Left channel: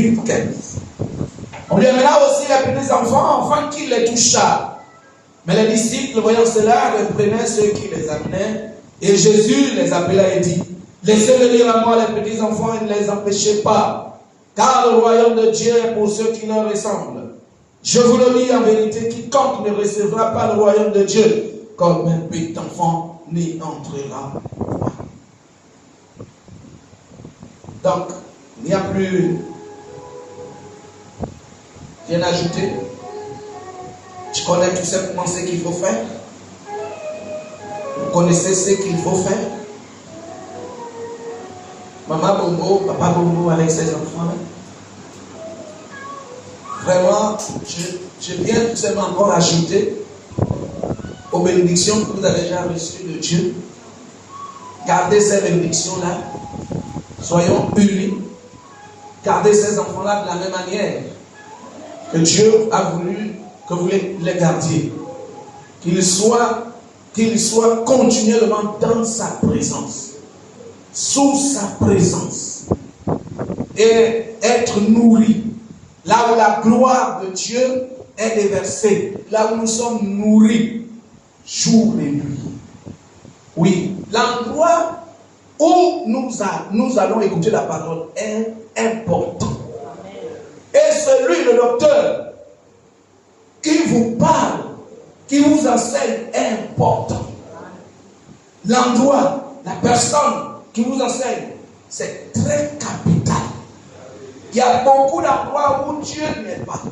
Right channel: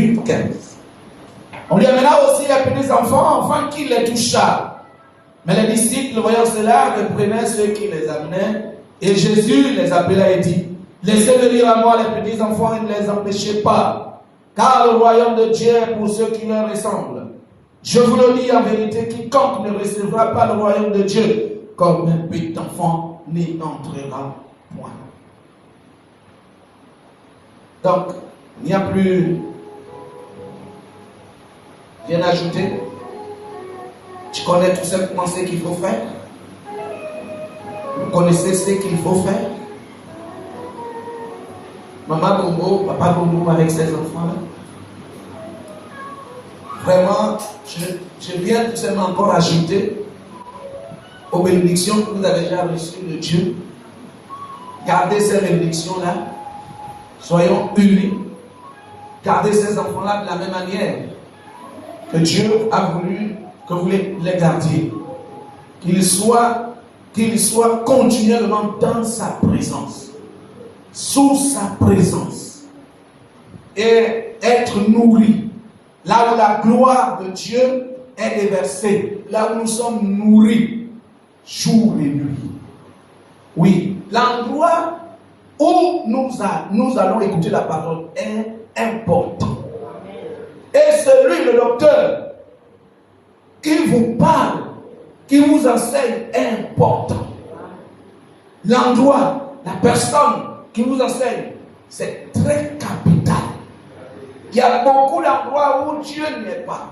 18, 15. On lui amena aussi les petits enfants afin qu'il les touchât. Mais les disciples, voyant cela, reprenaient ceux qui les amenaient. Et Jésus les appela et dit, laissez venir à moi les petits enfants et ne les empêchez pas, car le royaume de Dieu est pour ceux qui leur ressemblent. Je vous le dis en vérité, quiconque ne recevra pas le royaume de Dieu comme un petit enfant n'y entrera pas. Donc, il n'y a plus rien à ajouter. Tu connais tout simplement ce qu'il faut faire. Vous connaissez ce qu'il faut faire. Maman Bongo, papa Bongo avec ses enfants. Vraiment, je viens tout simplement encore ajouter aux bénédictions que vous avez déjà reçues de Dieu. Gardez ces bénédictions-là. Soyons unis. Gardez ces enfants-là de la même manière que Dieu a voulu que vous les gardiez. Qu'ils soient continuellement dans sa présence, sous sa présence, et être nourris. Là où la gloire de Dieu est déversée, là où nous sommes nourris, jour et nuit. Oui, l'endroit où nous allons écouter la parole est important. Et celui, le docteur, qui vous parle, qui vous enseigne est important. L'endroit, la personne qui vous enseigne, c'est très capital. Il y a beaucoup d'endroits où Dieu n'est pas.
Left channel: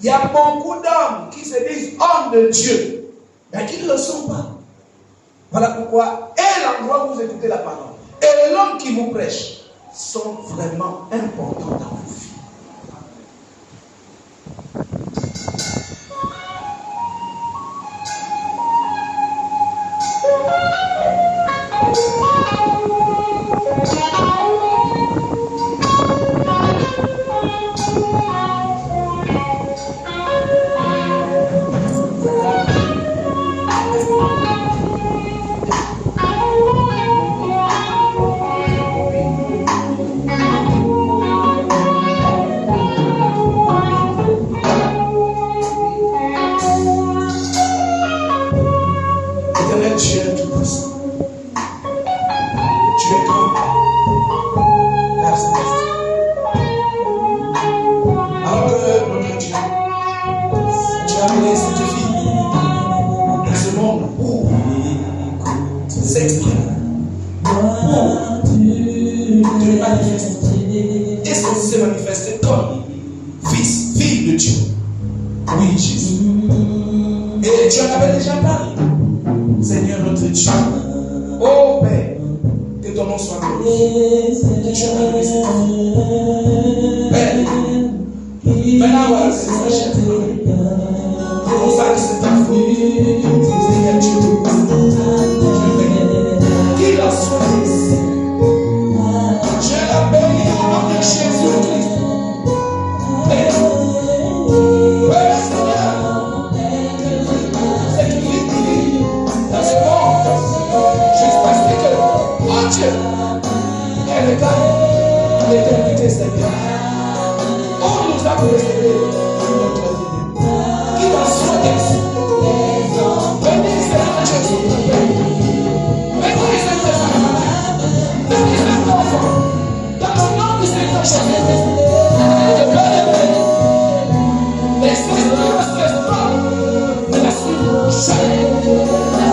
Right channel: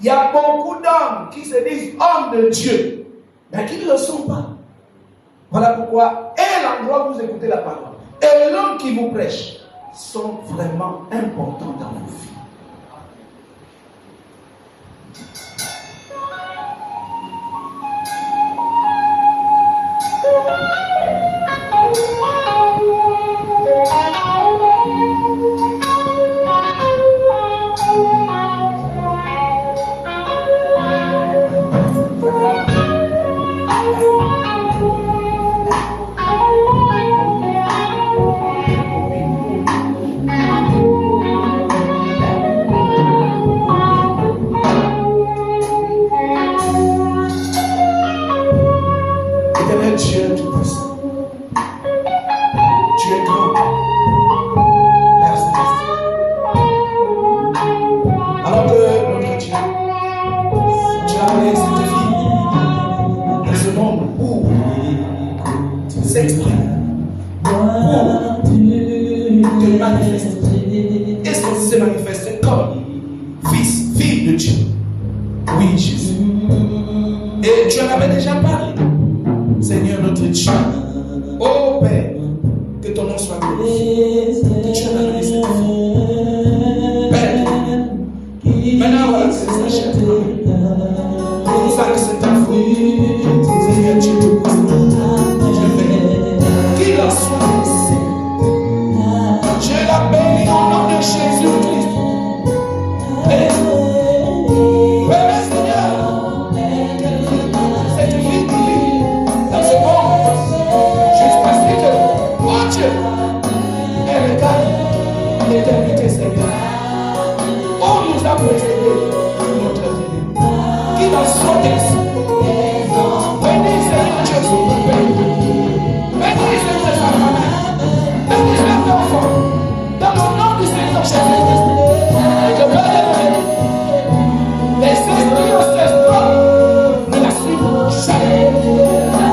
Il y a beaucoup d'hommes qui se disent hommes de Dieu, mais qui ne le sont pas. Voilà pourquoi, et l'endroit où vous écoutez la parole, et l'homme qui vous prêche, sont vraiment importants dans vos vies.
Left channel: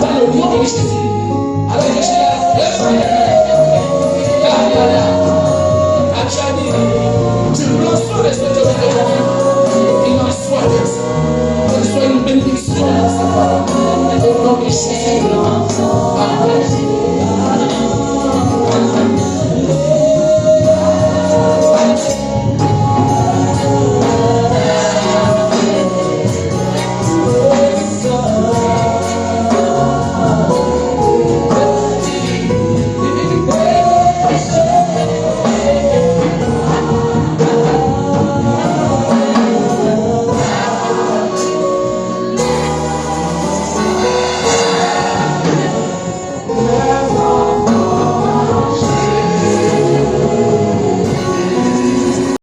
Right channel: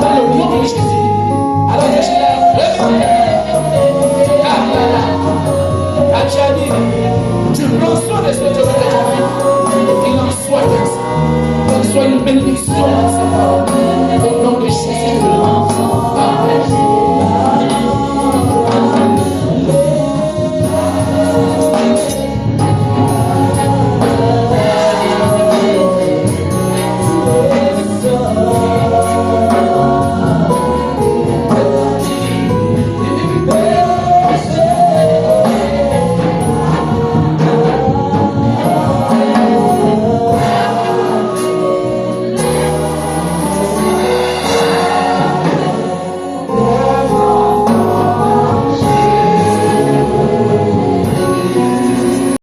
Dans le nom de Jésus, allez,